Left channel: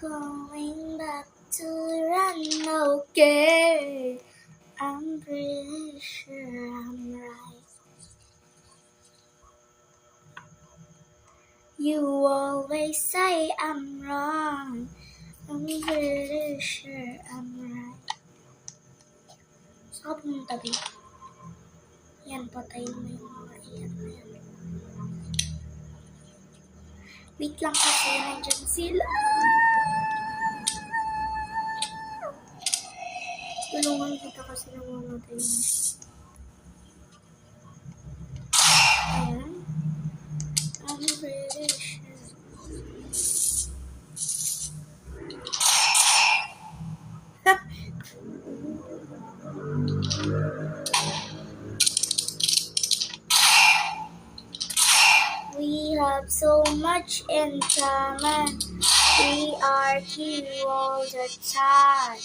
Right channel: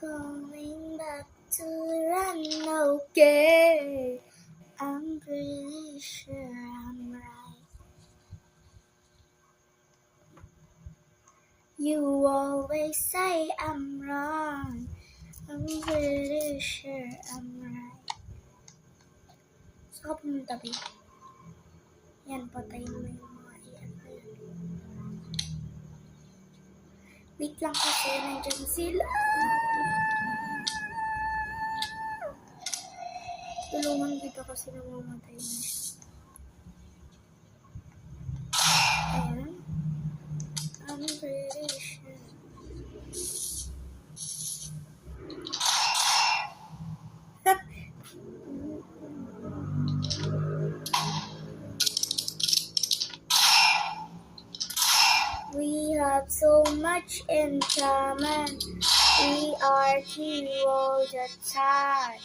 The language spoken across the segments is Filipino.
going back to run, okay. I'm pretty sure I'm right. You always say I'm wrong. I'm pretty sure I'm right. Saan ka pumunta, babe? Yan, patayin mo yung mga iyan na yan. Wait lang kasi, nandyan sila. Tulungan kita kasi namamatay na siya. Ayan. I'm pretty sure. We have so much in common. We argue all the time.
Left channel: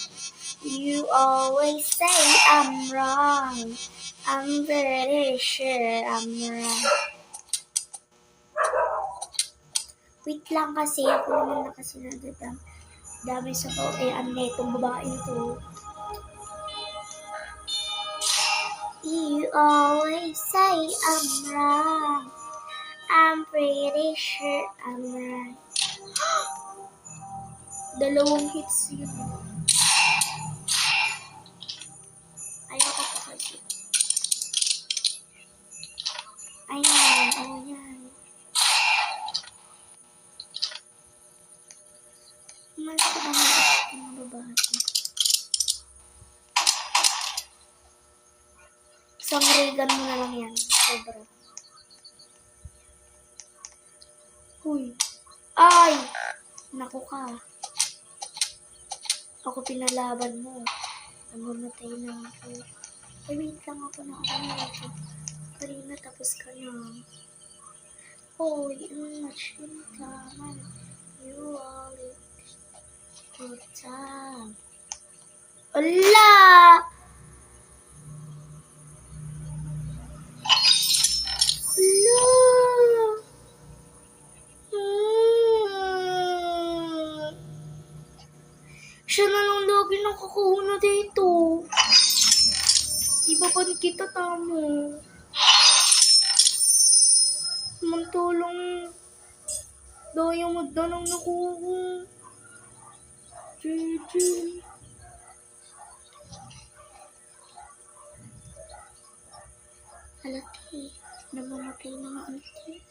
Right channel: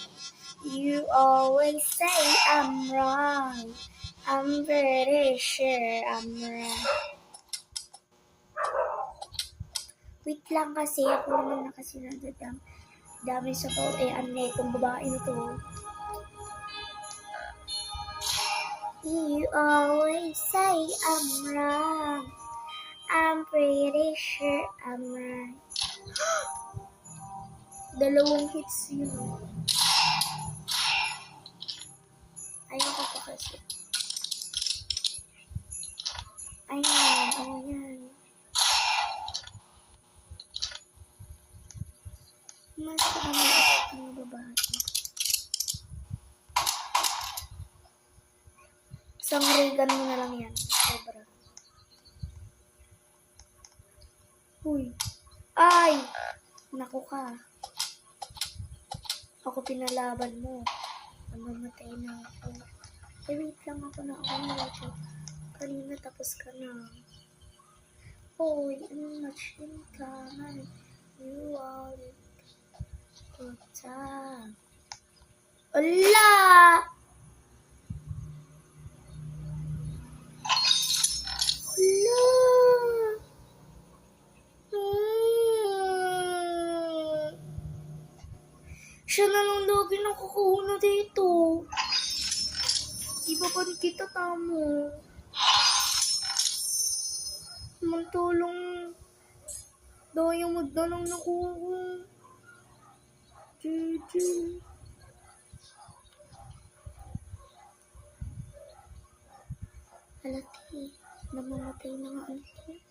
You always say I'm wrong. I'm pretty sure I'm right. Wait lang kasi ako naman na kasi dami sa to. Itong babae ito. You always say I'm wrong. I'm pretty sure I'm right. Dalawang hits yun. Ayaw ko kasi. Ayan. Mas kami yung babae. Sa mga ganun na lang yan. Sobra. Uy. Ay! Naku ka. Ako pinalaban mo. Namamatay na ako. Ay, wait lang ako na ako. Kanina tapos ka na. Hoy, much in common. You always good time. Ala! Siya na lang lagi nakakauna dito. Iba pa rin kita tamo. Mantulong diamond na lang nakuha. GG. Halati. Namamatay na nga ulti.